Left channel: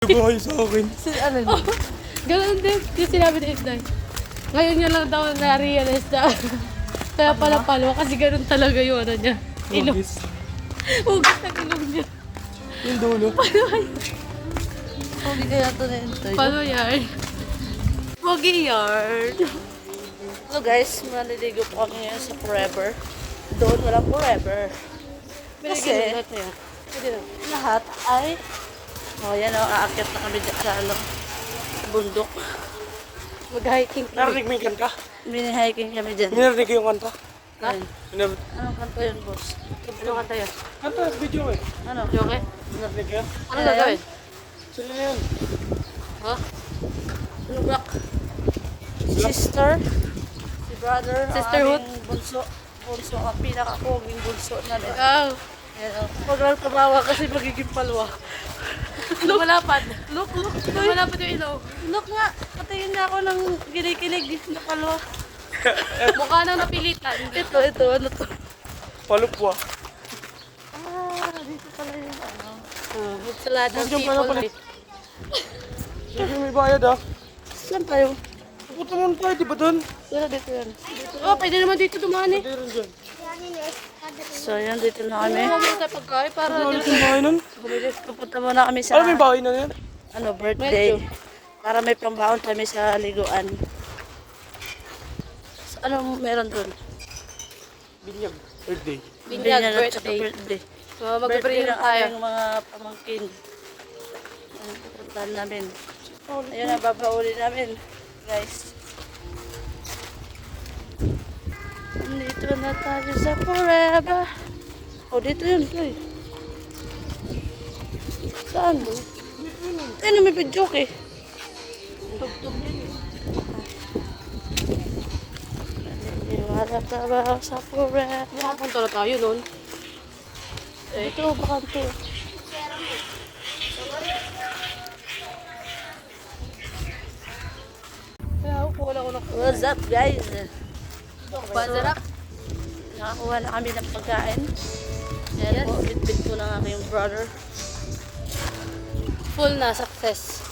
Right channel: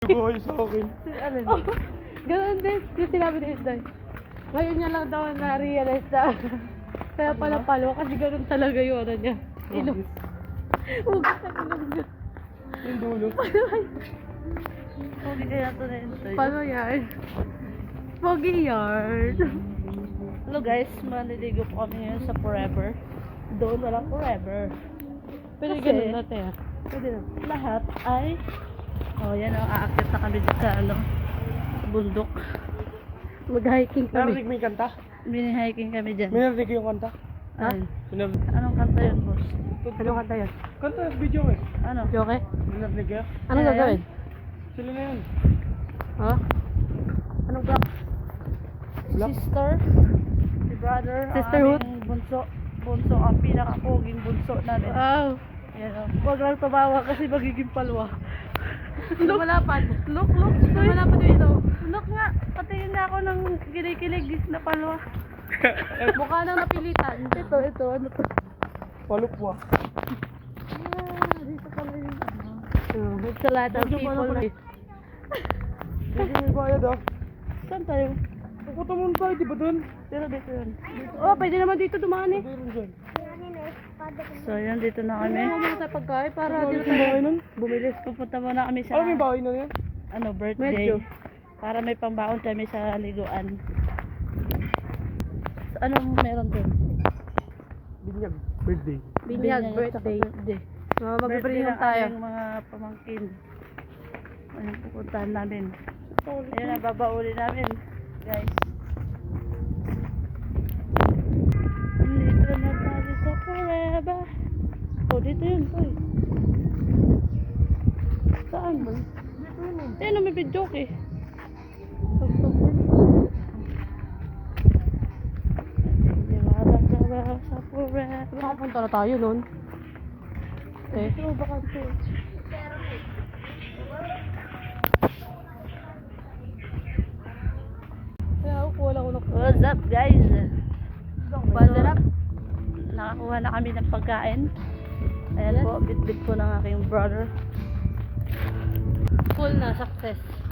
Buhay sa akin. Oh, ganun din. Yung sinabi ni Isday. Ngayon niya lang daw na-realize na. Kaya pala palo kasi ganun talaga yung ano niya. Ilong. Hugis. Hugas ng ilong niya. Yung dulo. Pogi kaya ito na ito. Palo yarn. Pogi yarn. Hello guys, maliligo po kami ngayon sa Forever. Doon walang Forever. Pero Kasi, ganun na tayo. Pwede na. lahat ay, yan o, aakyat na kami dito sa bundok. Mag-hiking kami. Narinig mo yung kanta? Mini-hiking kami dyan. Minarinig ko yung kanta? Ayun. Minarinig. Anong kanta yun, boss? Ano kanta yun? Kanta, video eh. Ano? Yoke? Minarinig ka? Ano gagawin? Sila na yun. Ha? Anong rock? Sister, si brother, Sisterhood? ang aming bunso. Bunso, ang pinaka-poging bunso namin. Wow. Yan o. Huwag lang tumawa kasi magiging palwa. Lumalapad. Look, toy. Lumalapad yung ilaw. Look nga, patingin niya ako ng kinikilig na palwa. Mukha na napilitan. Ito, ano to? Palupwa. Dito pala yung ano. It's a lot of Medyo people. pala. Hindi may bayad ah. Saan tayo? Pupunta naman tayo, di ba doon? Dito yun. Oh, pwede naman dito dumaan eh. Hindi rin dyan. So, yan, dito na kami. Ano mo tayo pagkain para Ano dito yung bahay nun? Bumili. Pupunta muna kami sa, Ano may bahay na yan? birthday. Medyo. Para may pambaon kami sa liguan. So, anong meron dun? Binyag. Birthday. Binyag Binyan at birthday. saka birthday. So, Birthday mag-pray ng tayo. aming mga pamangkin. Ayun, pupuntahan namin. Ayun, nababauli namin. Guys. Dito na tayo sa Forever. Oh, dito yun. Uy. Saan mo? Ayun, may pidyok eh. Tugtog din. Wala ka ba sa Forever? Nakapunta na tayo nun. Ito, bakante. Kaya ako wala ko na. What's up, guys? Bazarap. Nakakuha na kami ng pagkain. Ayan Yes. po, bit-bit ko ng aking brother. Full na success.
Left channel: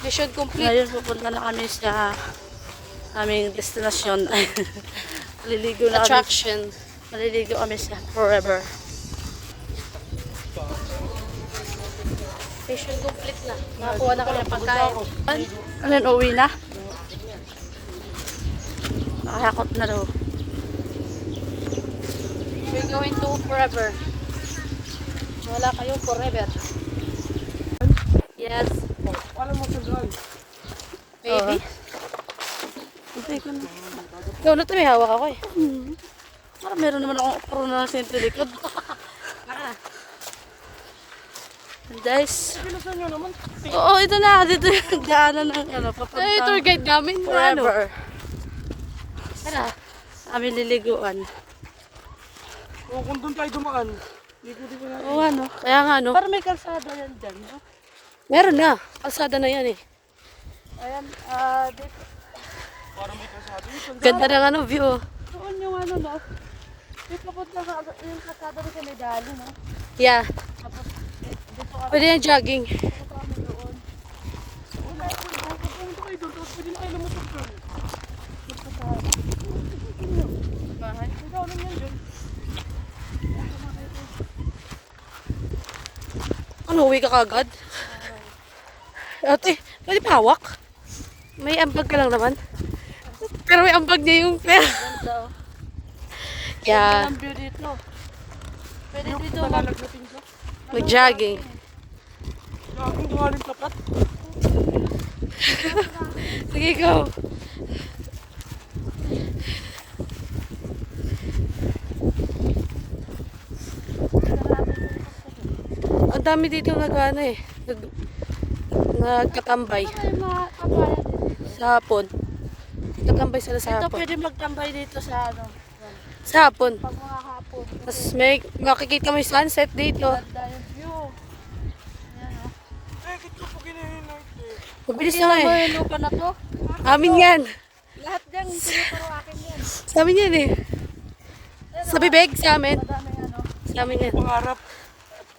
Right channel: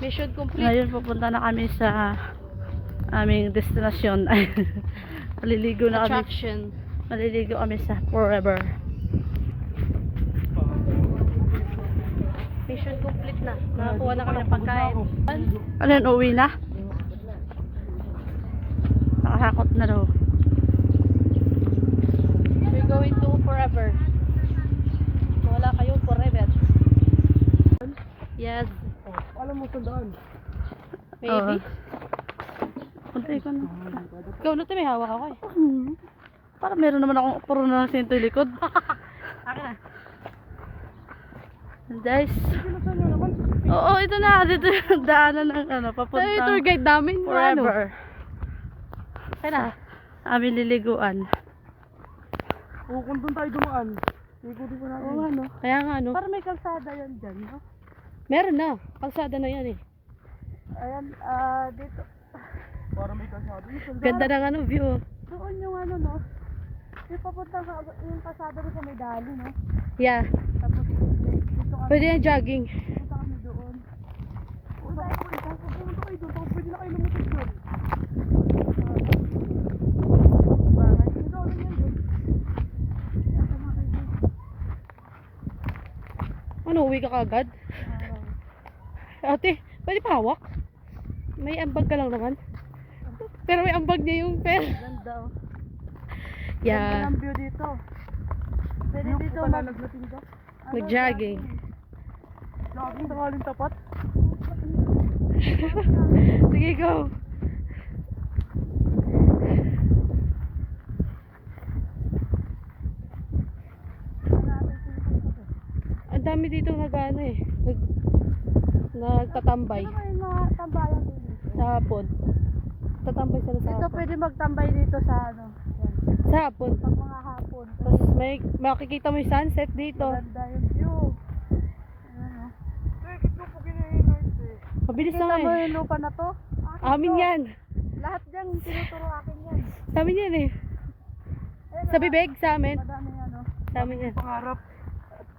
Mission complete. Ngayon pupunta na kami sa aming destinasyon. Maliligo na kami. Attraction. Maliligo kami sa Forever. Mission complete na. Nakakuha na kami ng pagkain. Ano yun, uwi na? Nakakakot na daw. We're going to forever. Wala kayong forever. Yes. Alam mo sandaan. Maybe. Puntay ko na. Ikaw na ito, may hawak ako eh. Parang meron naman akong puro na sa likod. Guys. Pinasan nyo naman. Oo, ito na. Dito yung daanan ng ano, Ay, papunta. tour guide namin. Forever. Ano? Aming liliguan. O kung doon tayo dumaan, ikutin ka natin. Oo, ano? Kaya nga, no? Parang may kalsada yan dyan. No? Meron na. Kalsada na yan eh. Ayan, dito. Para may kasado. Yung sandaan. Ganda ng ano, view. Doon yung ano, no? Yung papunta sa yung kalsada rin sa may dali, no? Yeah. Tapos dito kami Pwede yung jogging. doon. Pupunta kayo doon, tapos pwede na kayo lumusot doon. Bahay. Ikaw lang yan dyan. Ano, uwi ka kagad? Ate, pwede pa hawak? May ambag ka lang naman. Pero may ambag niya yung pera. Ganda. Yeah. Ganda ng view dito. Pwede dito Palalagnatin ka. Mag-jogging. Laging tungaling tapat. Sige, go. Ang dami dito nag-ano eh. Nagkatambay. Ay, makabayan dito. Sa hapon. Katambay sila sa Ito hapon. pwede magtambay dito sa ano. Sa hapon. Pag mga hapon. Tapos may makikita mo yung sunset dito. Ganda yung view. Ayan, oh. Eh, kito po ginahinay eh. Mabilis na Tingnan mo eh. yung lupa na to. Amin yan. Lahat dyan, tinuturo akin yan. Sa amin yan eh. Sa bibig, sa amin. Madaming ano. Sa amin yan. Pangarap.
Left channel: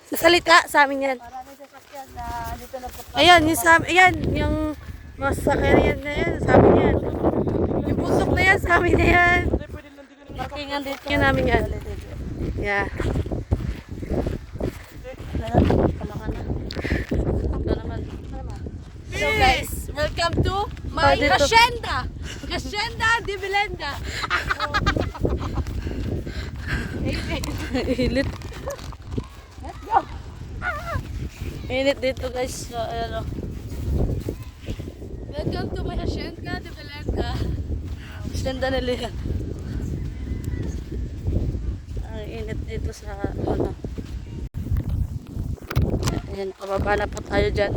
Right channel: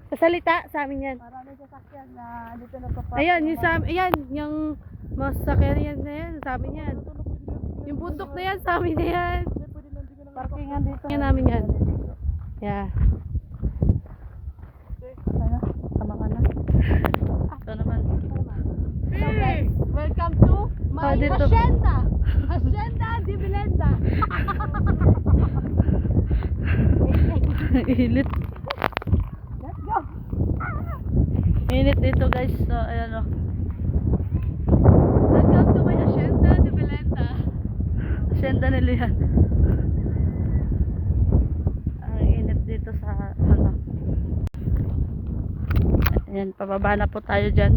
Sa salita, sa amin yan. Maraming sasakyan. Ayan na, dito na po. Ayan, yung sa ayan, yung masakyan na yan, sa amin yan. Yung bundok na yan, sa amin na yan. Parkingan dito. Yan namin yan. Yeah. Tama ka na. Ito naman. So guys, welcome to my dito. hacienda. Hacienda de Belenda. Amen. Init. Let's go. Init dito guys. So, ayan o. Welcome to my hacienda de Belenda. Hacienda nila yan. Ang init dito sa ano. Ayan, pababa na po tayo dyan.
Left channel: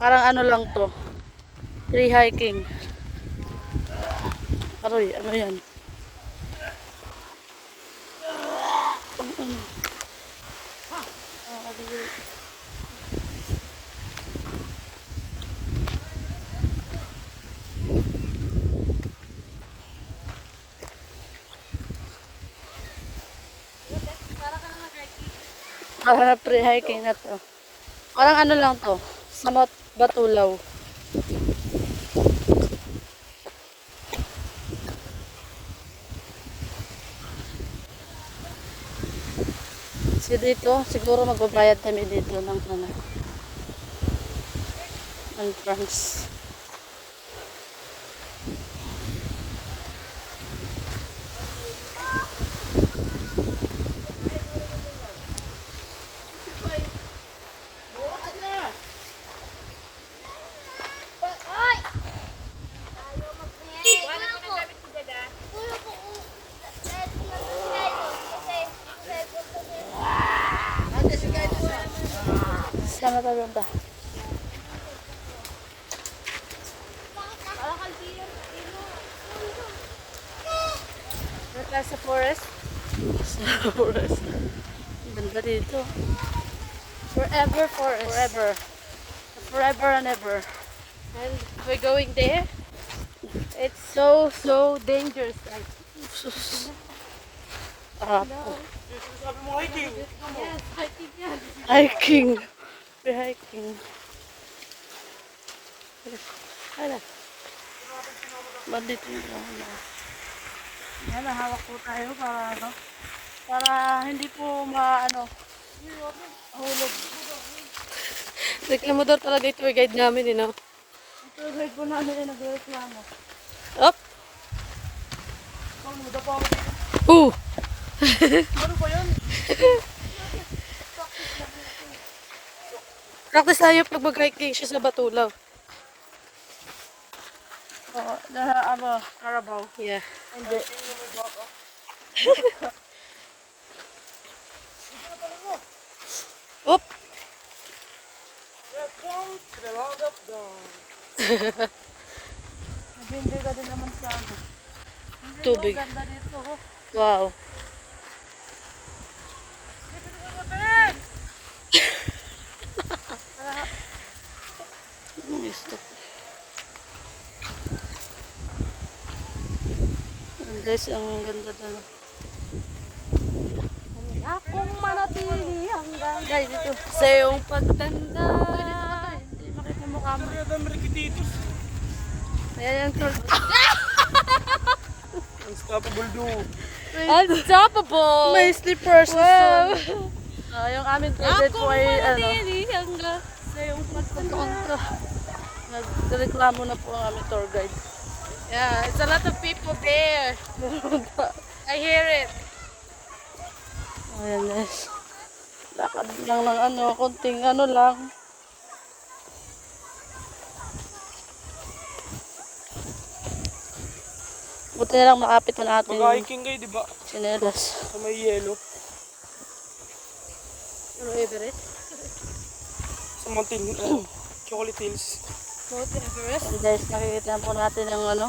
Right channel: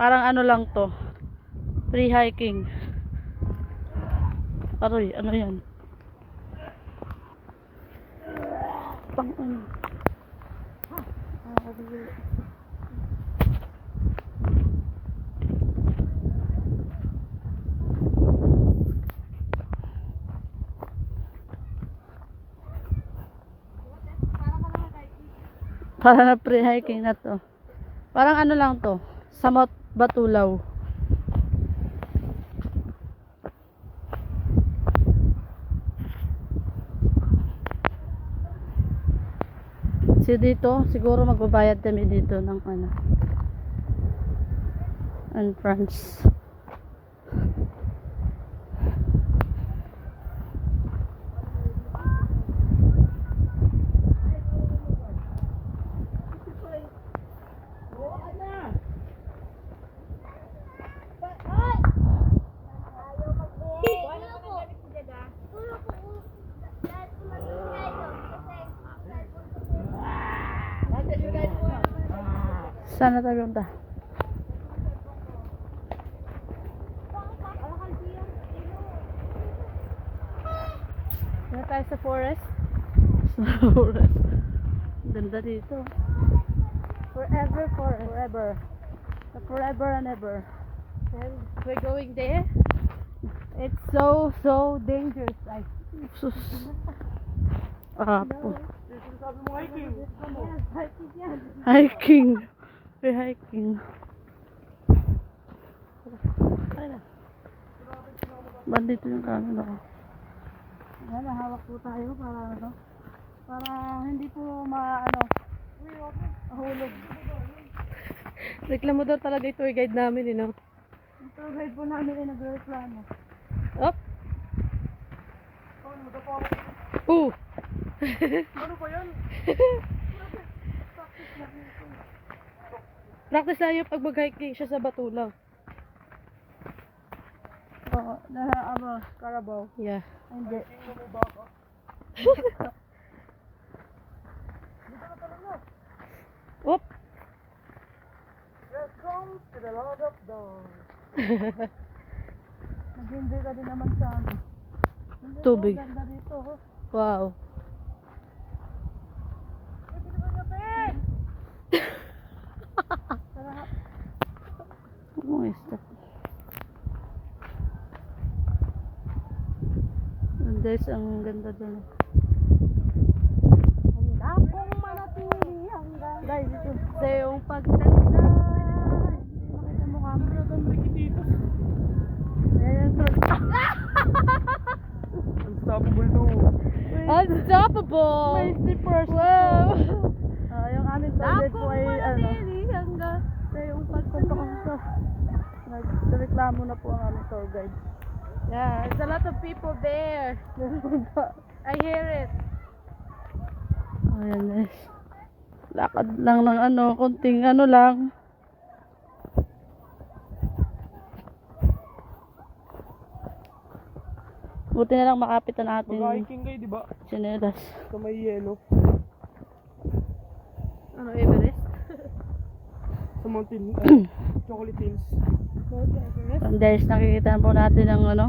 Parang ano lang to. Free hiking. Aroy, ano yan? Pang ano. Parang na free hiking na to. Parang ano lang to. Samot Batulaw. Kasi dito, siguro magbabayad kami dito ng ano, entrance. Sana tayo ba? Tayo sa forest. Sa forest. Ganda dito. Forever forest. Forever. Forever and ever. And we're going there. It's so dangerous. Like, Apo. Sabi mo hiking. yes, hiking yan. Hiking. Free hiking. Hala. Ba't dito yung camera? Yan, hawak po tayo para ano. Para hindi po mahulog. Reklamo daw talaga yung tour guide namin, no? Ang tour guide po namin ay nagreklamo. Up! Ano, dapa ako. Ooh! Ano ba yan? Practice tayo pag mag-hiking siya sa Batulaw. Oo, Carabao. Yeah. Hindi. Oop! Welcome to the land of dawn. Nag-enjoy ka din naman sa ano. Tubig. Ang ganda dito, oh. Wow. Anong stop? Guys, ang ganda doon. Akong manatili hanggang Guys, dito. sa iyong pagtanda. Hindi makita mo kamo. Kaya dami likititos. Ayan yung tour. Unstoppable do. Unstoppable! May slippers. Wow! Yung aming tour guide po Akong ay ano. manatili hanggang sa iyong pagtanda. Nagreklamo na po ang aming tour guide. Yeah, it's a lot of people there. I hear it. Ayan guys. Lakad lang ng ano, konting ano lang. Buti na lang makapit na natin yung Mag-hiking kayo, di ba? sinelas. Sa may yelo. Ano Everest? Sa mountain. Chocolate Hills. Mountain Everest? And guys, nakikita po natin ang ano.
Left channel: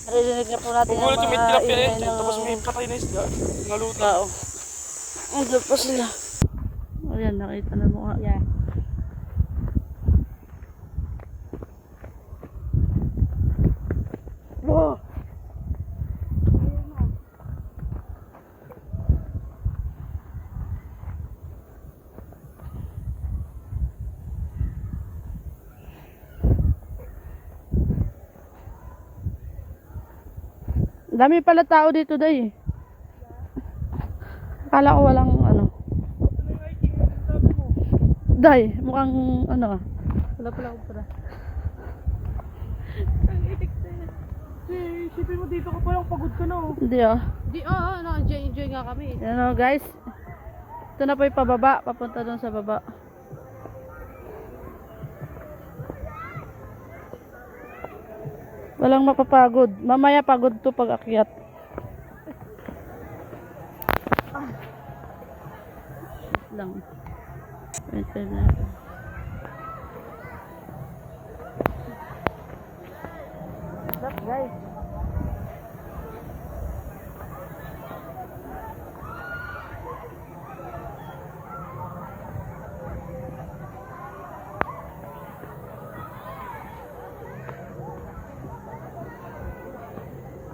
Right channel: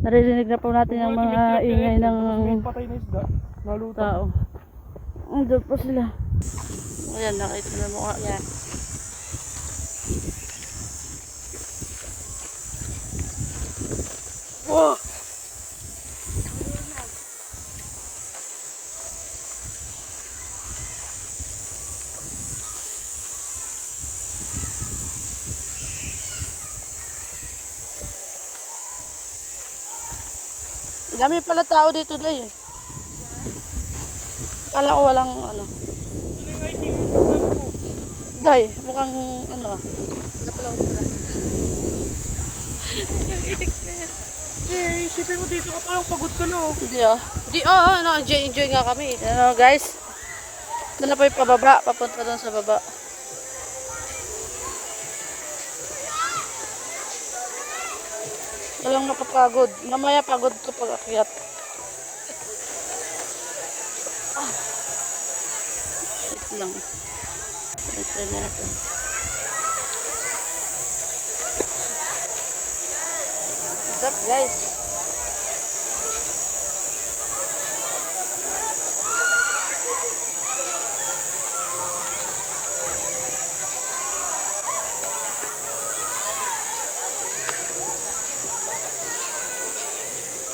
Naririnig na po natin Kung ang ulit may mga tilapia ingay eh. Tapos may ng patay na isda. Nalutan. tao. Andun pa sila. Ayan, nakita na mo nga. Yeah. Wow! Dami pala tao dito day. Akala ko walang ano. Day, mukhang ano. Wala pala akong bra. Eh, isipin mo dito ka pa lang, pagod ka na oh. Hindi ah. Di, oo, no, enjoy nga kami. Yan o guys. Ito na po yung pababa. Papunta doon sa baba. Walang mapapagod. Mamaya pagod to pag akyat. Wait lang. Ito dito. What's up guys?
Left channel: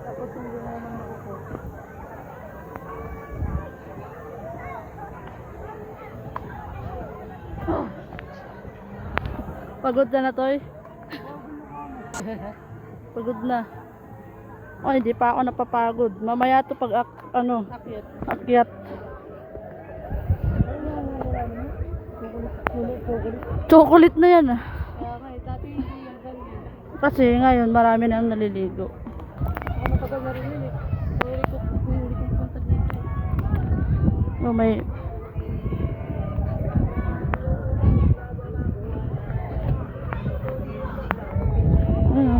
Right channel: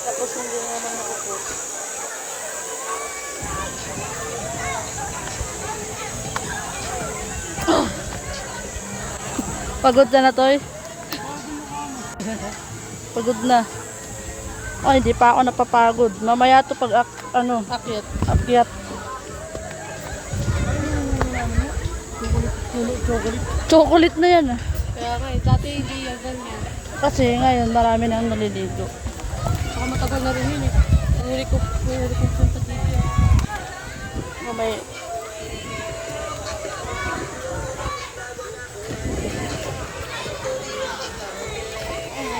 Tapos hindi na naman nakupost. Pagod na na, Toy. Pagod na. Oh, hindi pa ako napapagod. Mamaya to pag ano, Akyat. akyat. Chocolate. Chocolate na yan ah. Kaya nga, dati hindi yan ganyan. Kasi ngayon marami na ang naliligo. Saka matagal na rin yun eh. Huli ko punta dito. Oh, may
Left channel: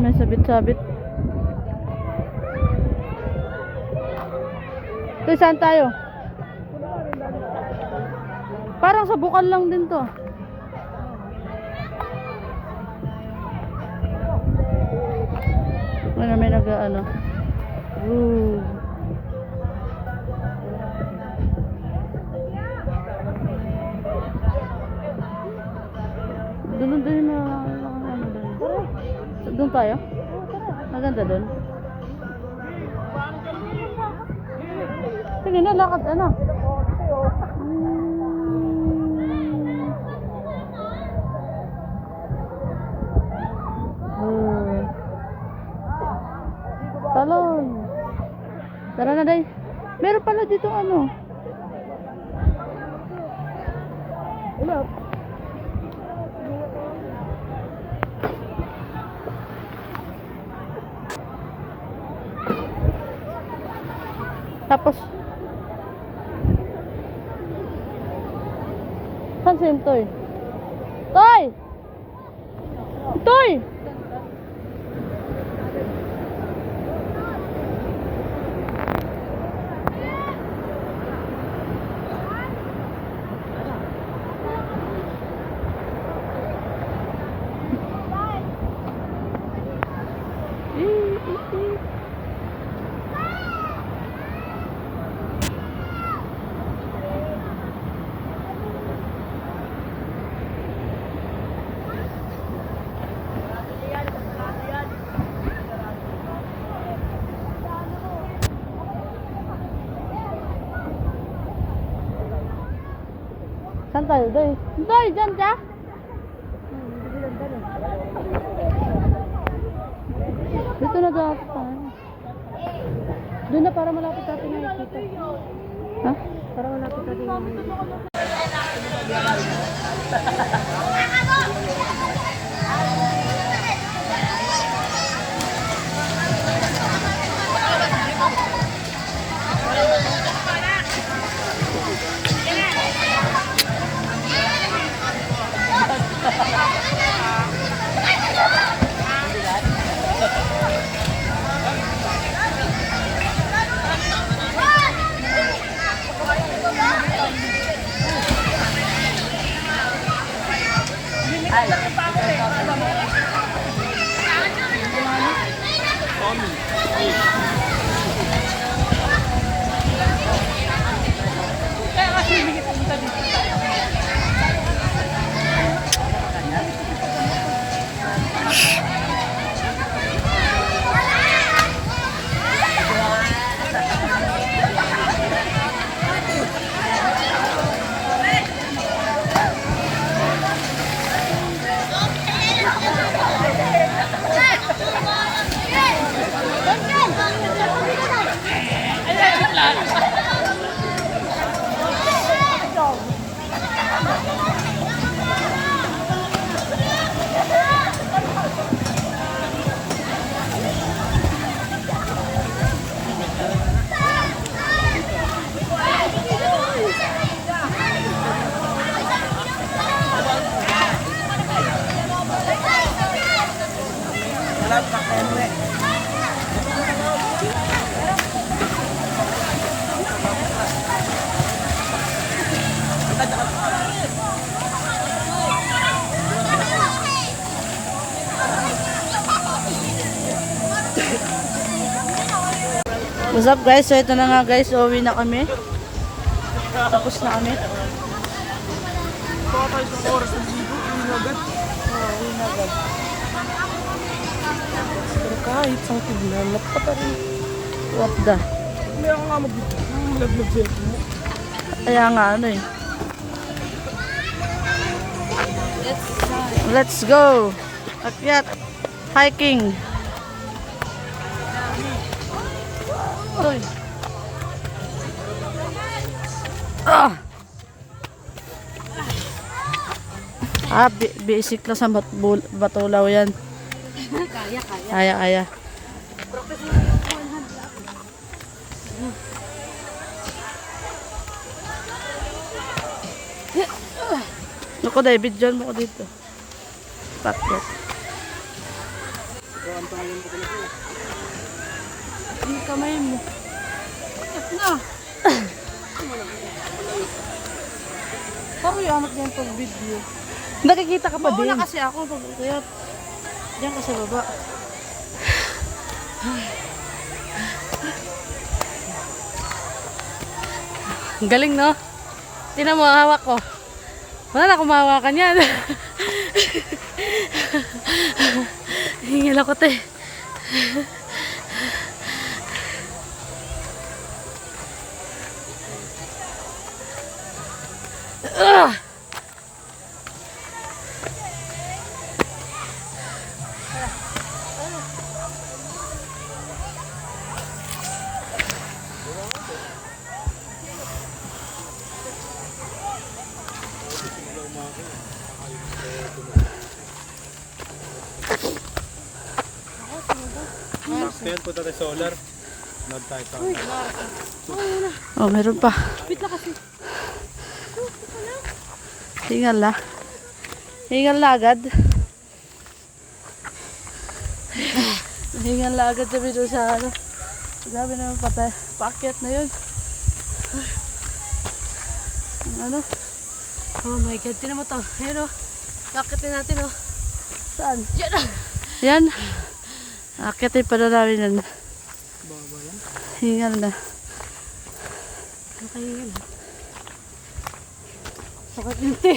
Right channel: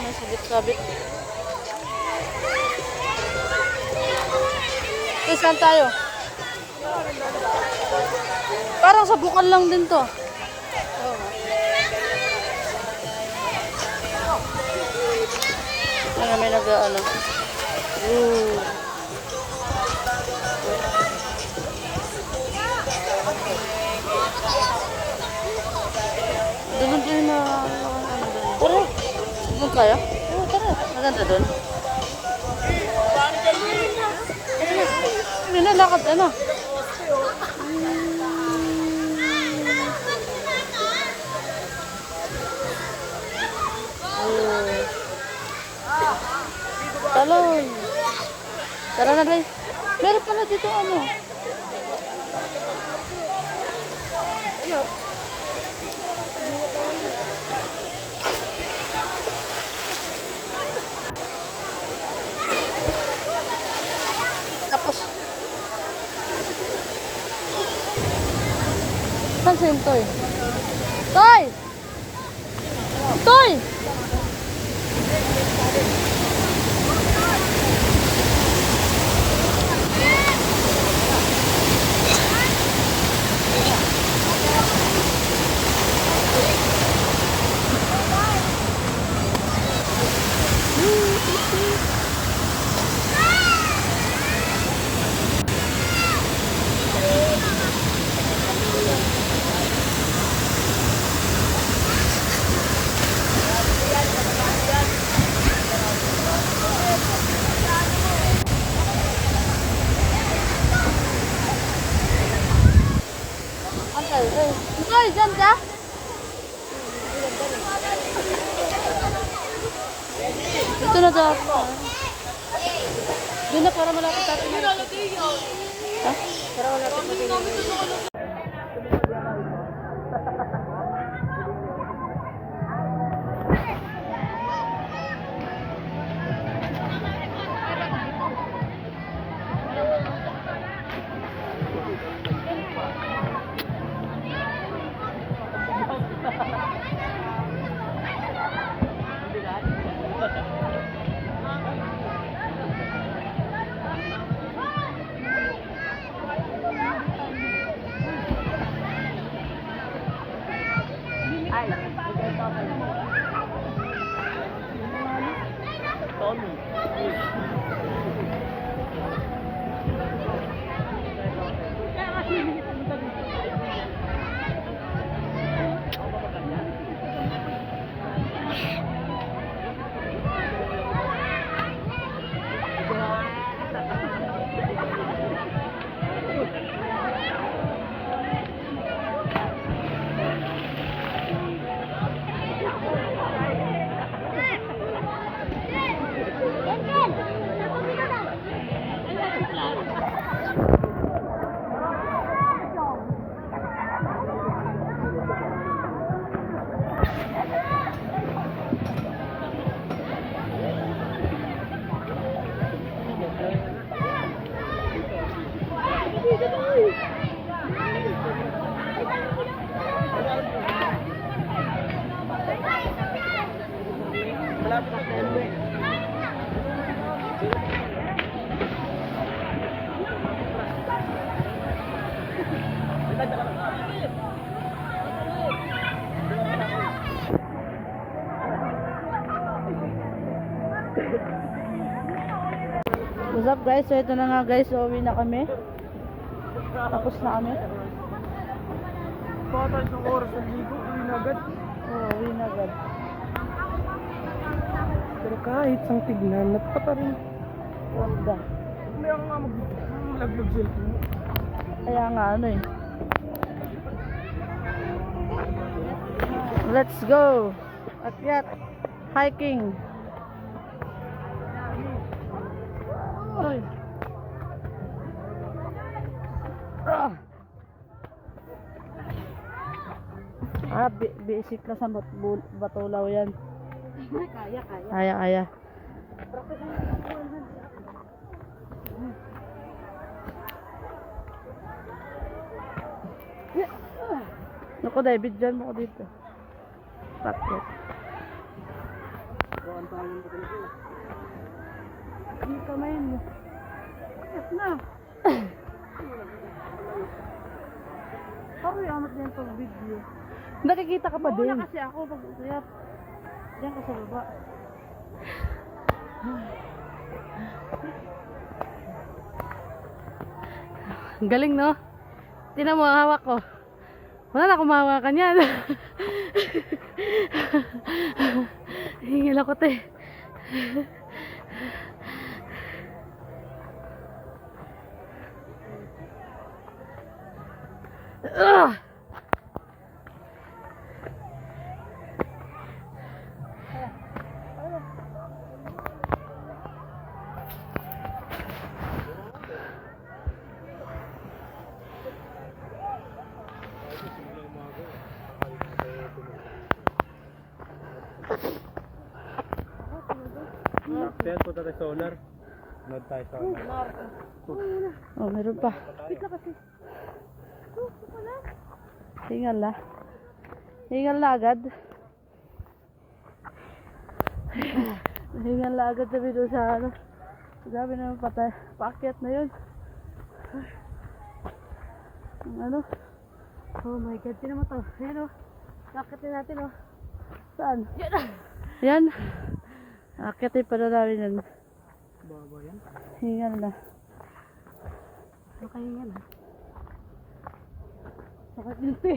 may sabit-sabit. Okay, saan tayo? Parang sa bukal lang din to. May nag-ano. Ooh. Doon na ano doon. Doon tayo? Maganda doon. Sige na, lakad ano. Talon. Tara na day. Meron pala dito ano. Tapos saan si Toy? Toy! Toy! Saan tayo? Toy, dyan ka? Dito na dapat tayo. Doon na para malapit tayo. Ha? Para malapit tayo. What's up guys? So ito na nga guys, uwi na kami. Tapos na kami. Baka tayo sa oras ng dito, hindi na agad. Oo, uwi na agad. Pero kahit sang tignan, napata rin. What the? Hindi ako nga mag-vlog cellphone mo. Kaya nga ano eh. Let's go! Akyat! Hiking! Oy! Ah! Basic lang sa Batulaw yan. Kaya. Naku, David, dyan mo ko dito. Pakyat. Yung kamay mo. Na. Parang yamat niya yung video. Nakikita ka pa din. Wala kasi ako pag kaya diyan kasi baba. Galing, no? Tingnan mo, ang hawak ko. Wala na akong mahawakan yan. Hingil ako, te. Kaya punta tayo solar. Nod tayo sa Oh, meron pa. Wait lang kasi. Hingal na. Hingal na agad. Hingal na agad sabi doon sa ano. Sabi naman patay. Paakyat na yun. Ang ano? Oh my God, tingnan mo to. Ayan, oh. Kakitin natin, oh. Saan? Yan. Yan. Akyatin pa na namin yan. baba yan. Hingal na. Nakahingal. Sakit yung te.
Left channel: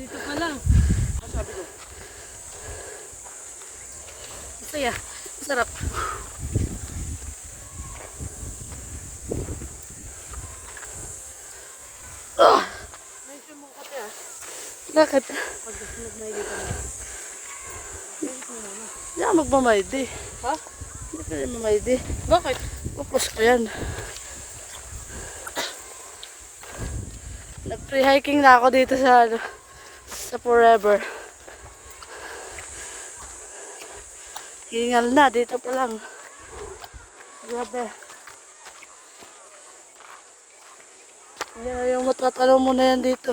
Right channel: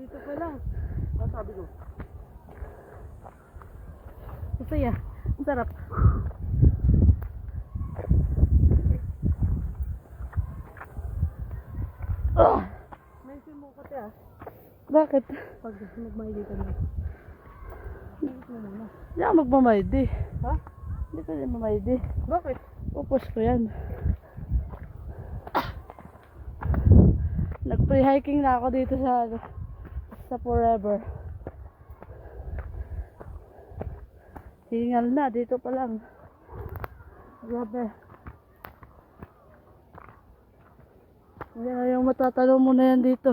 Dito pa lang. Ano sabi ko? Masaya. Masarap. Mention mo ko, te, ah. Bakit? Pag nagmaili ka na. Hindi ako magmamayad eh. Ha? Hindi ka rin mamayad eh. Bakit? Upos ko yan. Nag-free hiking na ako dito sa ano, sa Forever. Hingal na, dito pa lang. Grabe. Yan na yung matatanong mo na yan dito.